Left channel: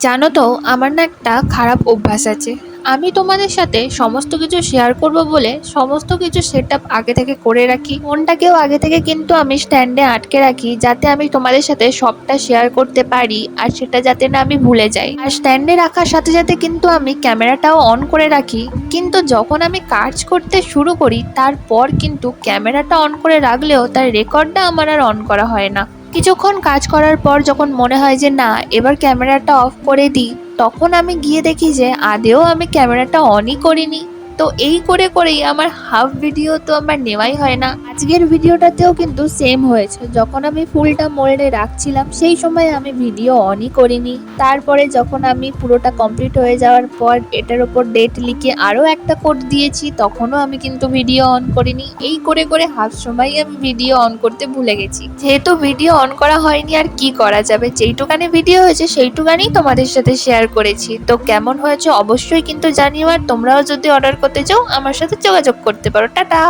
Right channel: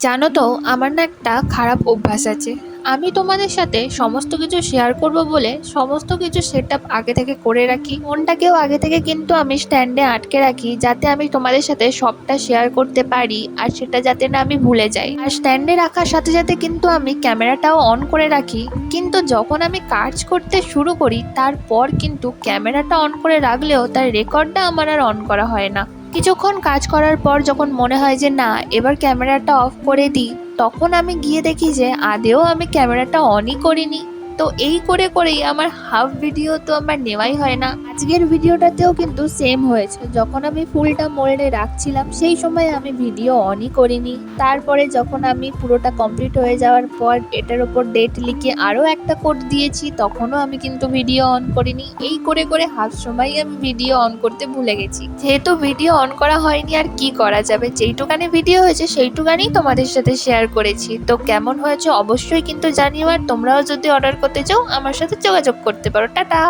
জানো তো, আমার না একটা খারাপ অভ্যাস আছে। আমি তোমাদের সাথে সমস্ত কিছু শেয়ার করব বলে সমস্ত কিছু সেটআপ আগে থেকে করে রাখি। ফোনটাকেও আগে থেকে কিন্তু আমি স্ট্যান্ডে আটকে রাখি, যাতে আমি তোমাদের সাথে সবটা শেয়ার করতে পারি আর সেটা যাতে না আমি ভুলে যাই। আর স্ট্যান্ডে রাখার সাথে সাথে কিন্তু আমি ক্যামেরাটাও অন করে রাখি। কিন্তু যখন আমি কাজ করতে শুরু করি তারপর কিন্তু ক্যামেরাটা অন করে রাখলেও তার রেকর্ডটা আমার আর অন করা হয় না। কিছুক্ষণ কাজ করার পর যখন মনে হয় যে না, এবার ক্যামেরাটা অফ করে দিই, তখন আমি গিয়ে দেখি যে আদেও আমি ক্যামেরাটা অনই করিনি। তো এই করে করেই আমার হাফ ভিডিও তো আমার নেওয়াই হয় না। আজকের ভিডিওটাতেও কিন্তু সেম হয়েছে, যখন আমি ফুলটা মোল্ডে রাখছিলাম সেই সময় আমি ভিডিও অনই করিনি। তারপরে যখন আমি পুরোটা কমপ্লিট হয়ে যাওয়ার পর এটার উপর ডেট লিখে আরও একটা কোড দিয়েছি, তখনও আমি কিন্তু ভিডিও অন করিনি। এই করে করে হাফ সময় আমি ভিডিও অন করতে ভুলে গেছি। যেহেতু ভিডিও অন করা হয়নি আর কি করা যাবে, যেইটুকানি ভিডিও হয়েছে সেইটুকানি তোমাদের সাথে শেয়ার করেছি। তো কেমন হয়েছে অবশ্যই কিন্তু জানিও, আর তোমরাও যদি অর্ডার করতে চাও আমার সাথে যোগাযোগ করতে পারো। টাটা।